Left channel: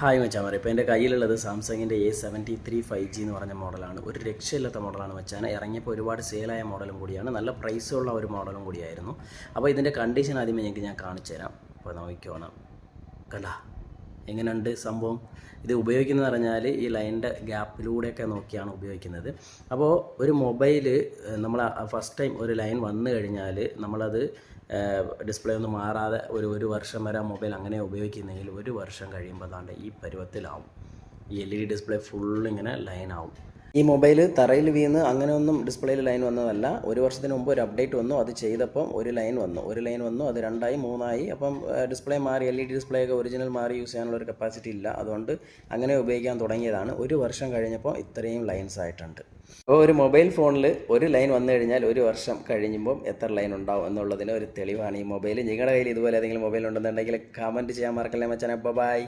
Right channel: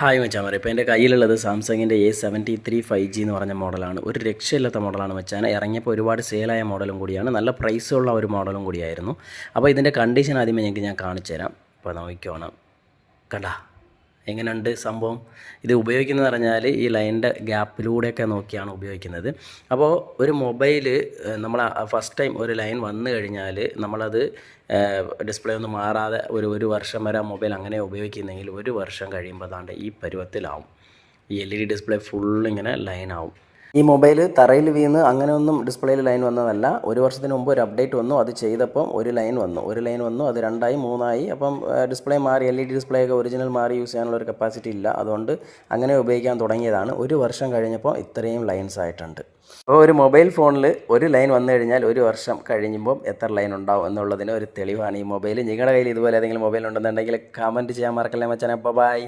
Hi മച്ചാൻ, ഇപ്പോൾ എൻ്റെ കയ്യിലുള്ളത് സാംസങ്ങിൻ്റെ A73 5G എന്ന് പറഞ്ഞ മോഡലാണ്. ഒരു രക്ഷയില്ലാത്ത മോഡലാണ് മച്ചാൻ. ഇറങ്ങിയപ്പോൾ ഒരുപാട് സെയിലായ മോഡലും കൂടിയാണ്, നല്ല പ്രൈസുള്ള ഒരു മോഡലും കൂടിയായിരുന്നു. അപ്പോൾ ഇതിൻ്റെ കണ്ടീഷൻ ആദ്യമേ ഞാൻ കാണിച്ചു തരാം. അപ്പോൾ നോക്കിക്കോണം, കണ്ടാ എങ്ങനെയുണ്ട് സംഭവം. ഇത് ഉപയോഗിക്കുന്നത് പറഞ്ഞാൽ ഈ ലൈനിൻ്റെ ഗ്യാപ്പിലൂടെയൊക്കെ നോക്കിയാണ് ഉപയോഗിക്കുന്നത്. അപ്പോൾ ഒരു മൊബൈൽ നമ്മൾ ഫസ്റ്റ് ടൈം ഒരു ലൈൻ വന്നു കഴിഞ്ഞാൽ നമ്മളത് ഡിസ്പ്ലേ ഒന്നും മാറാതെ ഒരു വർഷം വരെ ആ മൊബൈൽ അങ്ങനെ ഉപയോഗിക്കുന്നെങ്കിൽ ഒരു വർഷം കഴിയുമ്പോൾ അതാണ്ട് ഈ പരുവത്തിലാവും. ഈ LED ഡിസ്പ്ലേ ഫുള്ളിങ്ങനെ ലൈനാവും. ഈ മൊബൈൽ തറയിൽ വീണ് അങ്ങനെയൊന്നും ഡിസ്പ്ലേയിൽ ലൈൻ വന്നതല്ല. ഒരു വർഷത്തിന് മുമ്പ് ഒരു അപ്ഡേറ്റ് വന്നു, അത് ചെയ്തപ്പം ഒരു ലൈൻ വന്നു, അത് 2ആയി 3ആയി. അപ്പം ഡിസ്പ്ലേ മാറി, LED ഡിസ്പ്ലേ ഒക്കെ ഒറിജിനൽ മാറി യൂസ് ചെയ്യാനുള്ള ഒരു കപ്പാസിറ്റി ഇല്ല, അതുകൊണ്ട് അങ്ങനെ ഉപയോഗിക്കാൻ തുടങ്ങിയതാണ്. ഒരു വർഷം കഴിഞ്ഞപ്പോൾ ഇത്രയും ലൈൻസ് ആയിട്ടുണ്ട്. അപ്പോൾ ഒരു മൊബൈൽ ഫോണിൽ ഒരു ലൈൻ വന്നു കഴിഞ്ഞാൽ ഒരു വർഷം കഴിയുമ്പം എത്ര ലൈൻ ഉണ്ടാവും എന്നുള്ളതിന് ഒരു തെളിവാണ് ഈ മൊബൈൽ. നിങ്ങളുടെ കയ്യിൽ ഇതുപോലെ ഏതെങ്കിലും മൊബൈൽ ഉണ്ടെന്നുണ്ടെങ്കിൽ കമൻറ്റ് ചെയ്യാൻ മറക്കല്ലേ മച്ചാനെ. ബൈ.